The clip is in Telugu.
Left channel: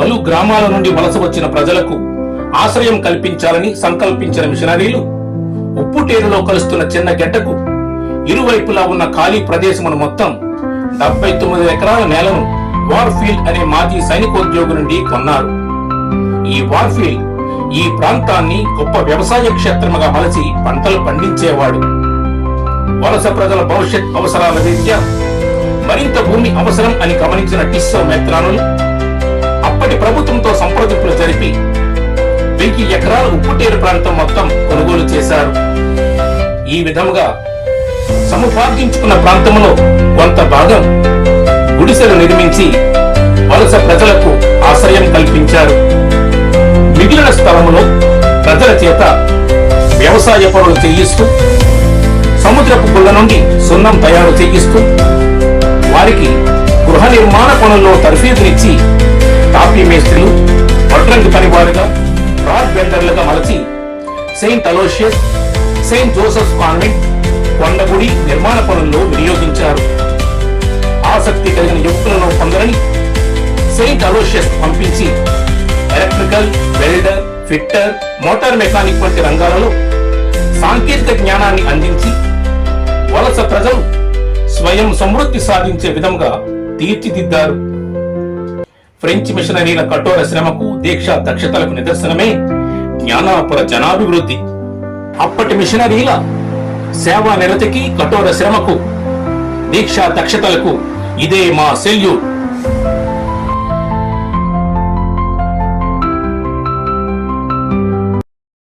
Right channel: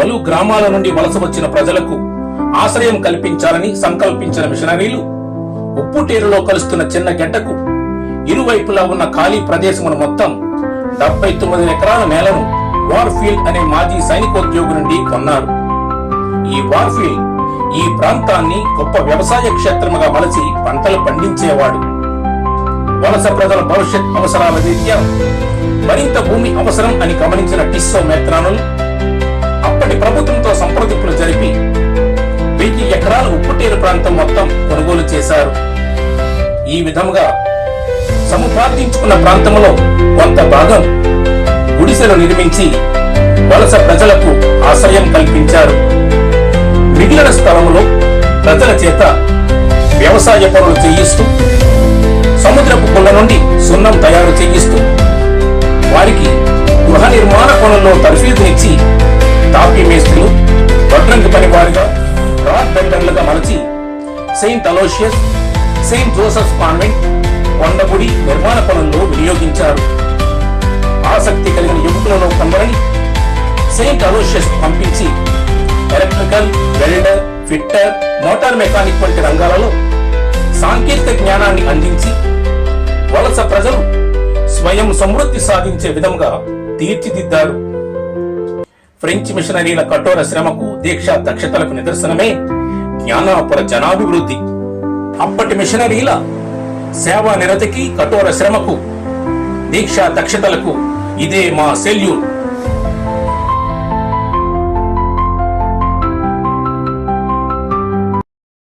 పలు గ్రామాల నుండి వలస వచ్చిన ప్రజలకు ఆశ్రయం కల్పించాలని సంకల్పించిన మిషనరీలు ఉప్పుటేరులో కలుస్తున్న చిన్న గెడ్డకు ఇరువైపులా ఉన్న ఖాళీ ప్రదేశమును మొత్తం డెబ్బై తొమ్మిది ఎకరాల నేలను వార్ఫీల్డ్ అనే మాజీ సైనికోద్యోగి నుండి కొన్నారు. ఈ వార్ఫీల్డ్ ఈ ప్రాంతాన్ని గొప్ప వ్యవసాయ క్షేత్రముగా మలచి పంటలు పండించేవాడు. వలస ప్రజల భవిష్యత్ అవసరాల రీత్యా మరింత భూమి అవసరం అని గమనించిన టిస్సో మెత్రానులు సంప్రదింపులు జరిపి వెయ్యి ఎకరాల ఉప్పుటేరు ప్రాంతం మొత్తం కొనుగోలు చేశారు. ఈ విధముగా సముపార్జించుకున్న ప్రాంతంలో కొంత భాగం గుడిసెలు నిర్మించి వలస ప్రజలకు ఆశ్రయం కల్పించారు. మిగిలిన స్థలములో ప్రజల చేత వ్యవసాయ పనులు చేయిస్తూ సముద్రపు గుళ్ళ నుండి సున్నం తయారు చేయిస్తూ వారికి గృహ నిర్మాణ పనుల్లో తర్ఫీదునిచ్చి తాపీ మేస్త్రులు వడ్రంగి పనివారుగా రాడ్ బెండర్లుగా మలచి saint Aloysius saint Joseph convent కొండగుడి నిర్మాణ పనుల్లో వినియోగించారు. ఆసక్తి కలిగిన యువకులను కొందరని సెయింట్ అలోషియస్ పంపించి electrical welder fitter motor mechanic వంటి రంగాలలో సాంకేతిక జ్ఞానాన్ని అందించి వలస ప్రజలు స్వయం సమృద్ధి సాధించే విధంగా తీర్చిదిద్దారు. ఫ్రెంచ్ మిషనరీల కఠోర శ్రమకు దీక్ష దక్షతలకు నిదర్శనమే జ్ఞానాపుర జనాభివృద్ధి. అప్పటి మిషనరీల సేవా నిరతికి కఠోర శ్రమకు దీక్ష దక్షతలకు ఇదే మా సెల్యూట్